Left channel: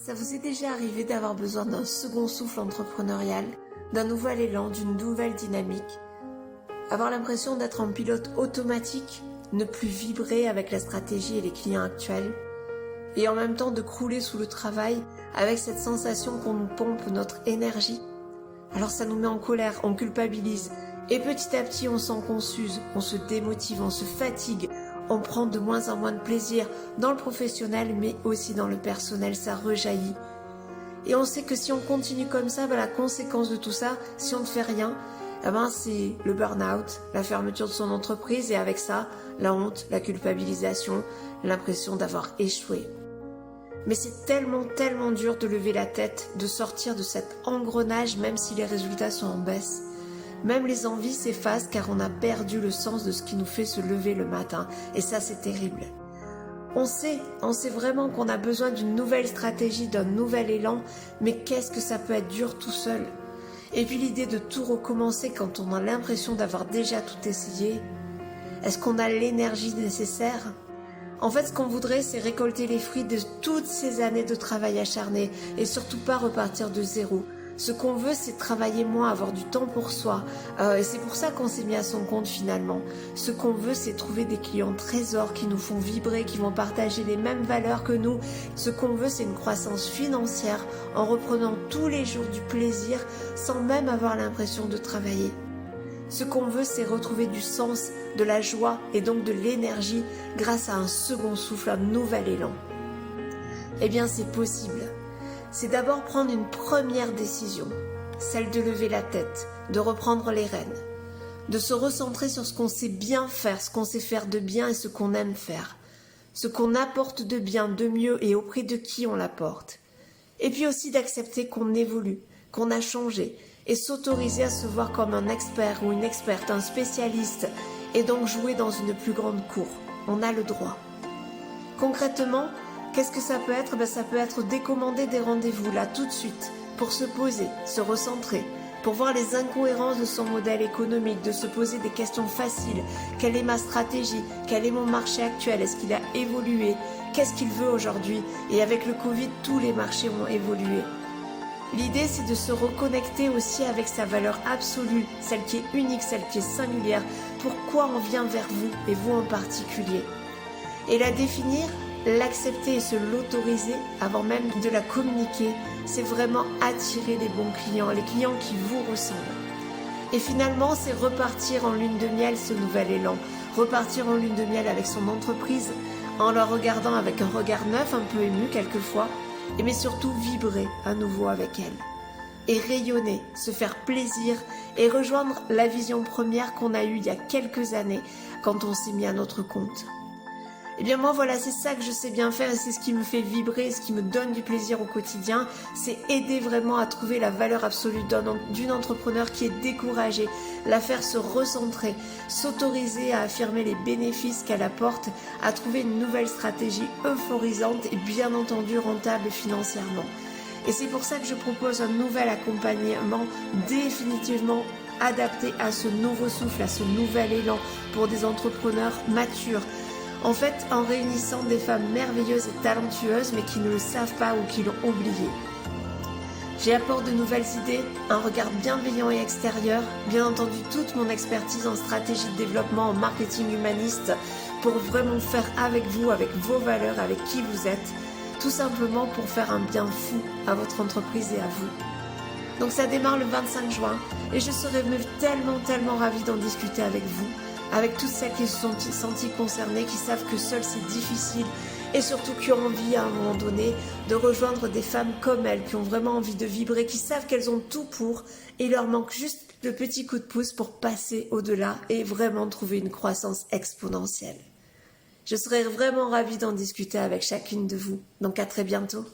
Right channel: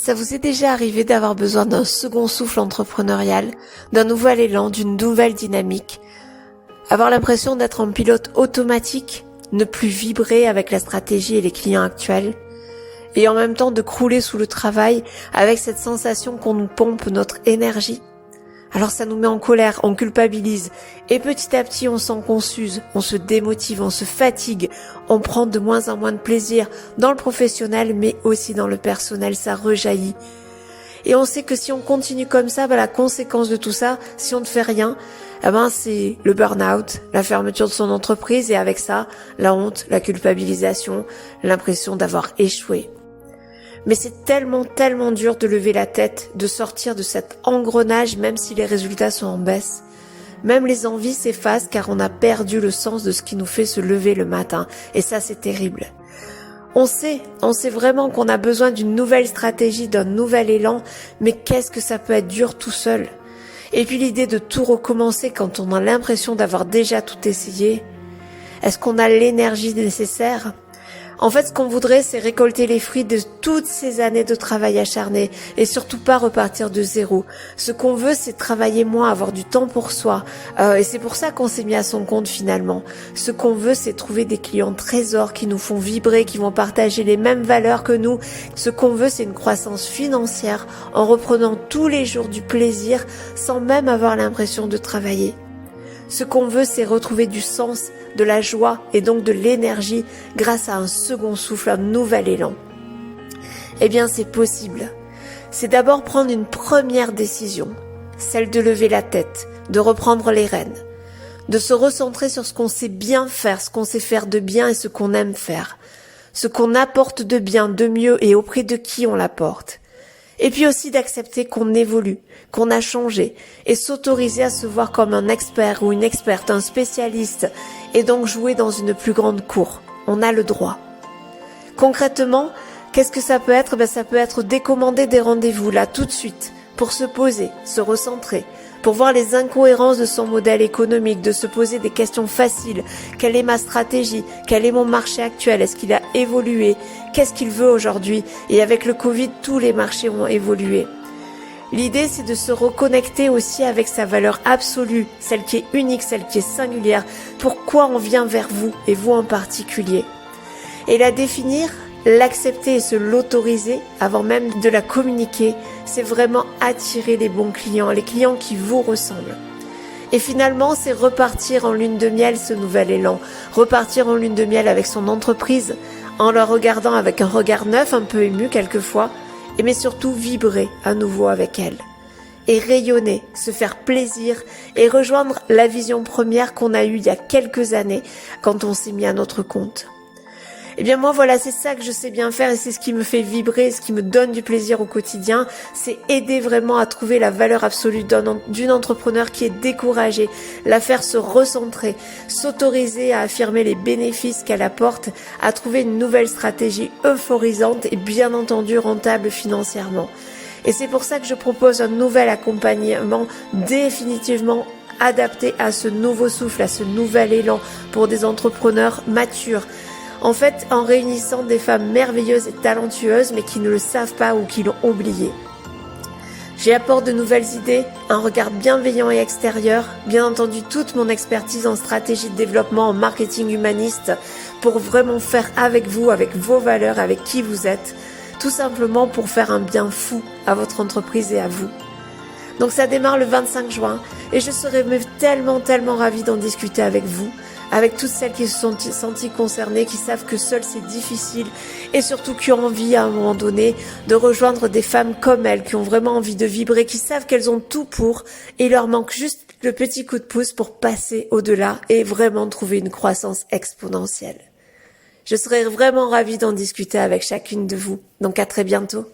Ça vous est déjà arrivé d'avoir besoin d'un second souffle entrepreneurial, d'un nouvel élan, d'une nouvelle dynamique, avoir l'impression d'être en pilote automatique, ne plus vibrer avec la stratégie et les clients actuels, et en même temps de crouler sous le travail avec cette sensation qu'on nous pompe notre énergie? Alors ça nous met en colère, on culpabilise, et petit à petit on sent qu'on s'use, on se démotive, on se fatigue, on prend de moins en moins de plaisir dans le professionnel mais aussi dans le personnel, ça rejaillit. Et on sait que si on continue comme ça, la conséquence de tout ça, si on ne fait rien, c'est le burn-out, la fermeture de son entreprise et avec ça, la honte, la culpabilisation, l'impression d'avoir échoué. Mais c'est tellement dur de lever la tête, de sortir de cet engrenage même si les résultats sont en baisse. Même les envies s'effacent car on a perdu le sens de ce qui nous fait se lever le matin. Et ça, c'est terrible. On sait vraiment qu'on a besoin d'une nouvelle stratégie, d'un nouvel élan, mais qu'est-ce que ça peut être dur tout seul. Et puis l'idée de tout recommencer quand on a l'impression d'avoir déjà tout essayé. Est-ce qu'on a l'énergie nécessaire ? En fait, ce qu'on voudrait, c'est récolter les fruits de toutes ces années de travail acharné et surtout pas repartir de zéro. Ce qu'on veut, c'est travailler moins, avoir du temps pour soi. Et c'est pour ça qu'on s'est mis à son compte finalement. Ce qu'on veut, c'est trouver des clients trésors qui nous font vibrer, qui vont partager les mêmes valeurs que nous. Ce qu'on veut, c'est une croissance financière en reprenant tous les jours du plaisir sans même avoir l'impression de travailler. Ce qu'on veut, c'est retrouver du sens, de la joie et donc de l'énergie grâce à un second souffle, un nouvel élan. Eh bien, c'est possible. C'est d'abord prendre une première décision, celle de lever la tête, de reprendre les rênes, de se recentrer sur ce qu'on sait bien faire, ce qu'on sait faire de bien et ce qu'on aime faire, ce qu'on apporte de bien, de mieux et auprès de qui on l'apporte. Et puis aussi d'accepter qu'on évolue, qu'on a changé et s'autoriser à se voir comme un expert ou une experte, un spécialiste et donc jouer dans une plus grande cour. On a le droit. Concrètement, qu'est-ce que ça peut être ? Ça peut être décommander des rendez-vous là tout de suite pour se poser, se recentrer, pour voir les incohérences de son modèle économique, de se poser des questions faciles. Quelle est ma stratégie ? Quel est mon marché actuel ? Est-ce qu'il a évolué ? Qu'est-ce qu'il veut aujourd'hui ? Et avec le Covid, tous les marchés ont évolué. L'idée, c'est de se reconnecter aussi avec sa valeur absolue, celle qui est unique, celle qui est singulière. Pourquoi on vient vers vous, et vous en particulier ? Et la définir, l'accepter et se l'autoriser avant même de la communiquer, c'est vraiment attirer les bons clients, les clients qui vous ressemblent. Et finalement, c'est repartir en lune de miel ce nouvel élan, repartir en lune de miel avec son entreprise, en la regardant avec un regard neuf, un peu ému quelquefois, mais surtout vibrer à nouveau avec elle. Et rayonner, se faire plaisir et rejoindre la vision première qu'on a eue il y a quelques années quand on s'est mis à notre compte. Eh bien moi voilà, c'est ça que je sais bien faire et c'est ce qui me fait vibrer, ce qui me donne du plaisir au quotidien, c'est aider vraiment à trouver la valeur absolue d'une entrepreneur qui est découragée, la faire se recentrer, s'autoriser à affirmer les bénéfices qu'elle apporte, à trouver une nouvelle stratégie euphorisante et bien entendu rentable financièrement. Et c'est pour ça que je propose un nouvel accompagnement définitivement adapté à ce nouveau souffle, à ce nouvel élan pour des entrepreneurs matures. En fait, en réunissant des femmes merveilleuses et talentueuses, mais qui ne le savent pas ou qui l'ont oublié. J'y apporte de nouvelles idées, un regard bienveillant et extérieur, bien entendu toute mon expertise en stratégie de développement, en marketing humaniste, pour vraiment faire avec vous, avec vos valeurs, avec qui vous êtes, tout simplement pour faire un bien fou à votre entreprise et à vous. Donc ça démarre le 25 juin et je serai tellement ravie d'en discuter avec vous, avec toutes celles qui se sont senties concernées, qui savent que seul c'est difficile et surtout qui ont envie à un moment donné de rejoindre des femmes comme elles, qui ont vraiment envie de vibrer, qui savent qu'elles ont tout pour et il leur manque juste le petit coup de pouce pour passer au-delà et vraiment trouver une croissance exponentielle. Je serai vraiment ravie d'en discuter avec chacune de vous, donc à très bientôt.